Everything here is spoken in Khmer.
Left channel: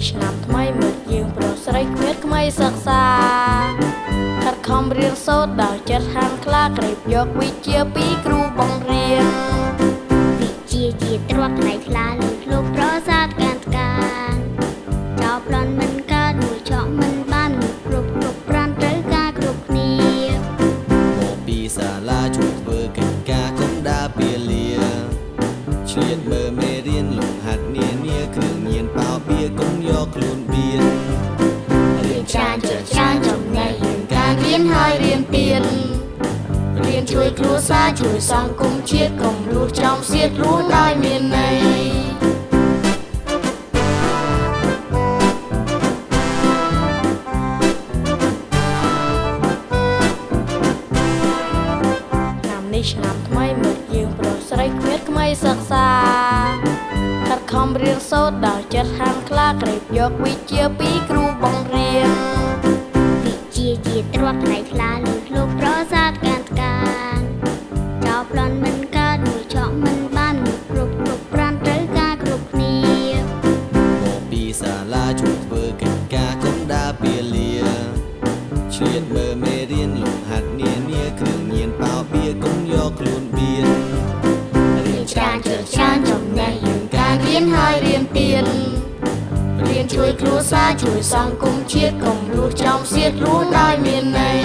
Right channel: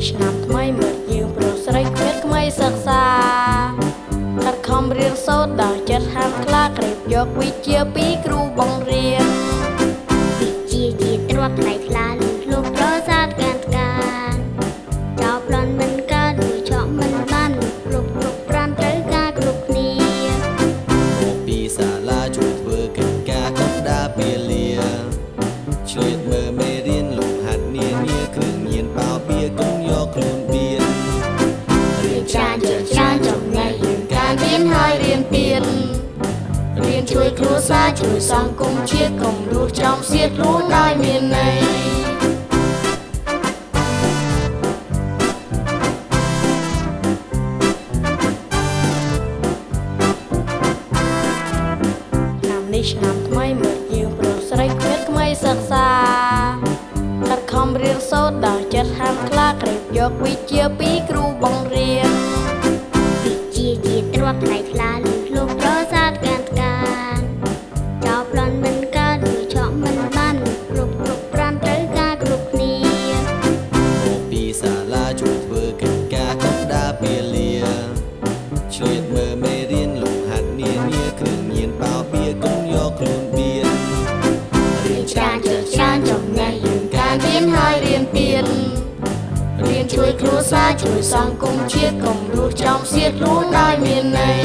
នេះឆ្នាំថ្មីមើលយើងប្រុសស្រីគ្មានក្មៃសិក្សាខិតខំរៀនសូត្រដោយចិត្តហាមខ្លាក្រេបយកវិជ្ជាពីគ្រូបង្រៀនវិជ្ជាជាទ្រព្យថ្លៃថ្លាលើសលោកប្រសាទការចោលប្លន់មិនកើតមួយឆក់មិនបានគ្រប់ប្រានត្រូវការគ្រប់គ្នាមកពីសាលាជួយធ្វើកិច្ចការកុំដាពាលាឆ្លៀតមើលមេរៀនលំហាត់នានាគ្រឿងញៀនប៉ោបៀកុំយកខ្លួនបៀនរៀនច្រើនចេះច្រើនចំណេះយើងការរៀនហើយរៀនពៀនរៀនជួយគ្រួសារជួយសង្គមជាតិកុំរស់ចំសៀតរស់ដោយមានន័យនេះឆ្នាំថ្មីមើលយើងប្រុសស្រីគ្មានក្មៃសិក្សាខិតខំរៀនសូត្រដោយចិត្តហាមខ្លាក្រេបយកវិជ្ជាពីគ្រូបង្រៀនវិជ្ជាជាទ្រព្យថ្លៃថ្លាលើសលោកប្រសាទការចោលប្លន់មិនកើតមួយឆក់មិនបានគ្រប់ប្រានត្រូវការគ្រប់គ្នាមកពីសាលាជួយធ្វើកិច្ចការកុំដាពាលាឆ្លៀតមើលមេរៀនលំហាត់នានាគ្រឿងញៀនប៉ោបៀកុំយកខ្លួនបៀនរៀនច្រើនចេះច្រើនចំណេះយើងការរៀនហើយរៀនពៀនរៀនជួយគ្រួសារជួយសង្គមជាតិកុំរស់ចំសៀតរស់ដោយមានន័យ